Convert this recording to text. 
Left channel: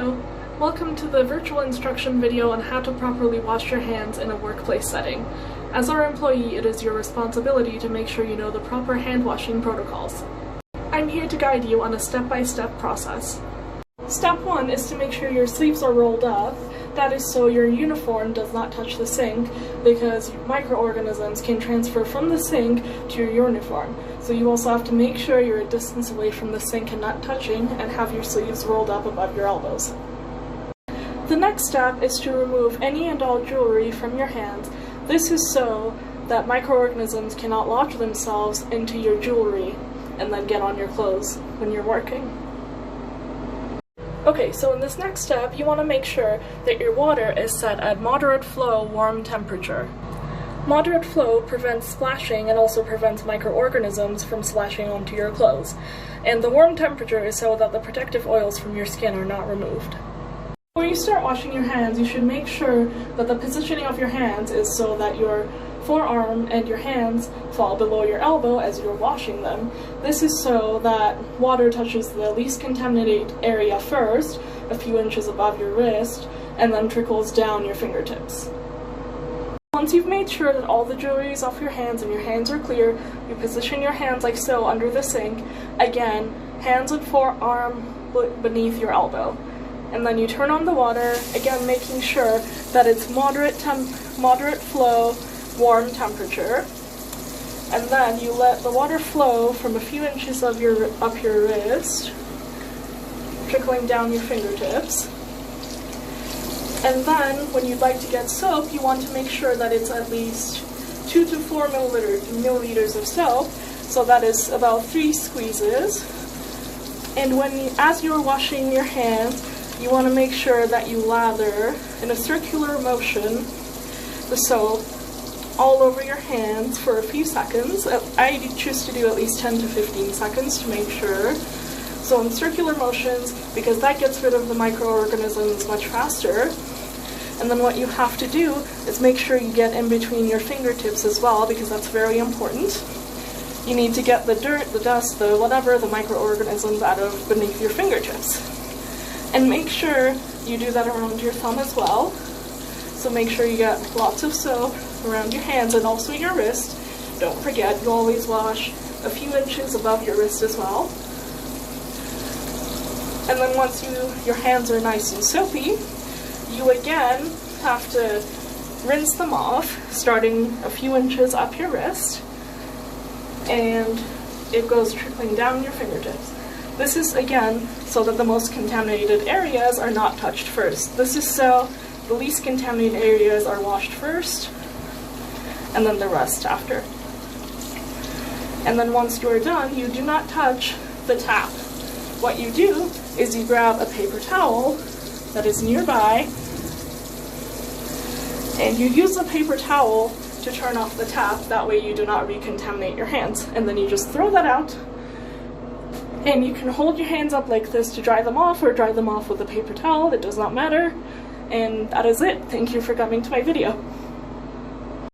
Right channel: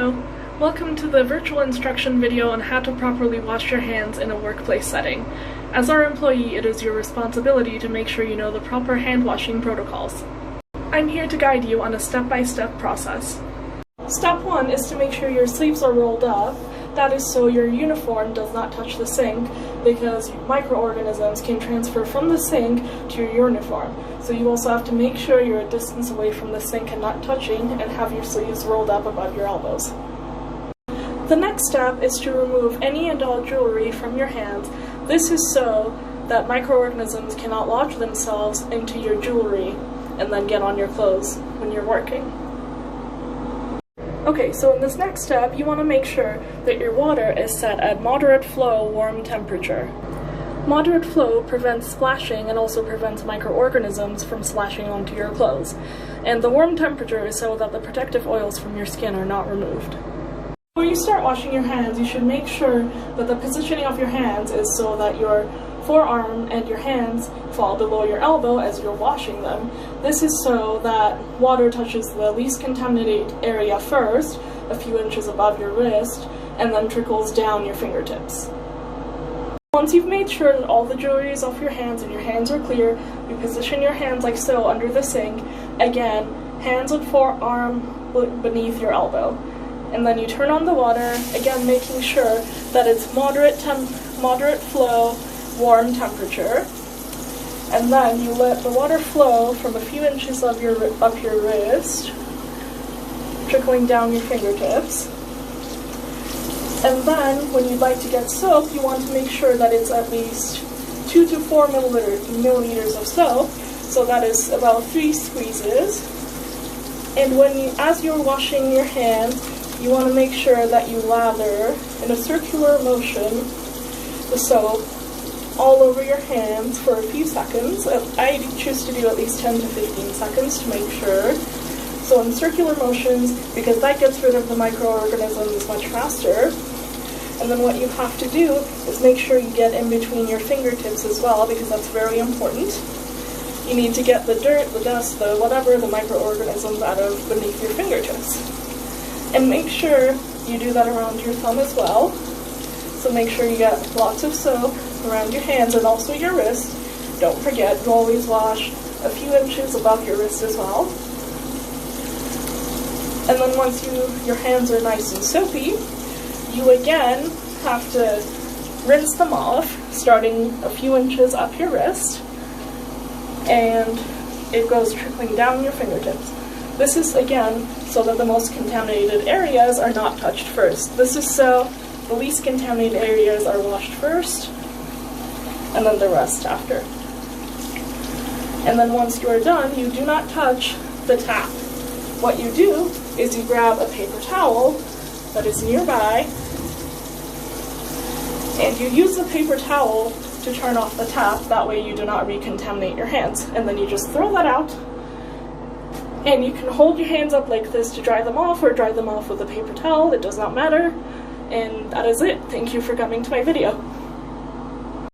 Hello! Welcome to the virtual instruction video on how to properly wash your hands in a workplace setting. As our employee, it is your responsibility to make sure you know the proper hand washing protocols. I'm here to guide you on a step-by-step process. Step 1 is to make sure your sleeves are rolled up. That is so your uniform does not touch the sink, because microorganisms can transfer from the sink to your uniform. So you also have to make sure you're a distance away from the sink and not touching, and have your sleeves rolled up above your elbows. The next step is to remove any and all jewelry from your hands. This is so that microorganisms cannot lodge themselves into your jewelry and then get on your clothes when you're working. Okay, so in this next step, you want to make sure that your water is set at moderate flow, warm temperature. Moderate flow prevents splashing and also prevents microorganisms from splashing onto your clothes. And the warm temperature is so that the protective oils from your skin are not removed. Before you start washing your hands, you should make sure that the positioning of your hands is so that your forearm and your hands fall below your elbow as you're washing them. This is so that water touches the least contaminated area first, a few inches above your wrist, and then trickles down your fingertips. Once you've made sure that all the jewelry is off your hands and your hands are clear, you position your hands like so under the sink. Again, hands and forearm beneath your elbow. And then you turn on the water, again making sure that it's moderate flow, warm temperature. And then you let the water flow from a few inches of your wrist, trickling down your fingertips. And then, when you'd like to get soap, you want to make sure that it's at least 2 to 4 milliliters of soap, so that is about 3 squeezes. And as you're washing your hands, you want to make sure that you lather in a circular motion the soap all over your hands for a few seconds. I choose to do at least 10 to 15 seconds to make sure. So in circular motions, because that gets rid of the microorganisms much faster. And then what you have to do is make sure you get in between your fingertips as well, because that's very important. You need to get the dirt, the dust, the whatever, the microorganisms out of beneath your fingertips. And make sure you do that around your thumb as well. So make sure you get lots of soap around your hands and also your wrist. Don't forget, you always wash a few inches above your wrist as well. And then once your hands are nice and soapy, you again have to rinse them off, starting a few inches up your wrist, and it goes trickling down your fingertips. This is, again, so that the most contaminated areas are not touched first. This is so the least contaminated areas are washed first, and then the rest after. And then once you're done, you do not touch the tap. What you do is you grab a paper towel that is nearby, and you use the paper towel to turn off the tap. That way you do not recontaminate your hands. And then you just throw that out. And you can hold your hands up like this to dry them off, or dry them off with a paper towel, it does not matter. And that is it. Thank you for coming to my video.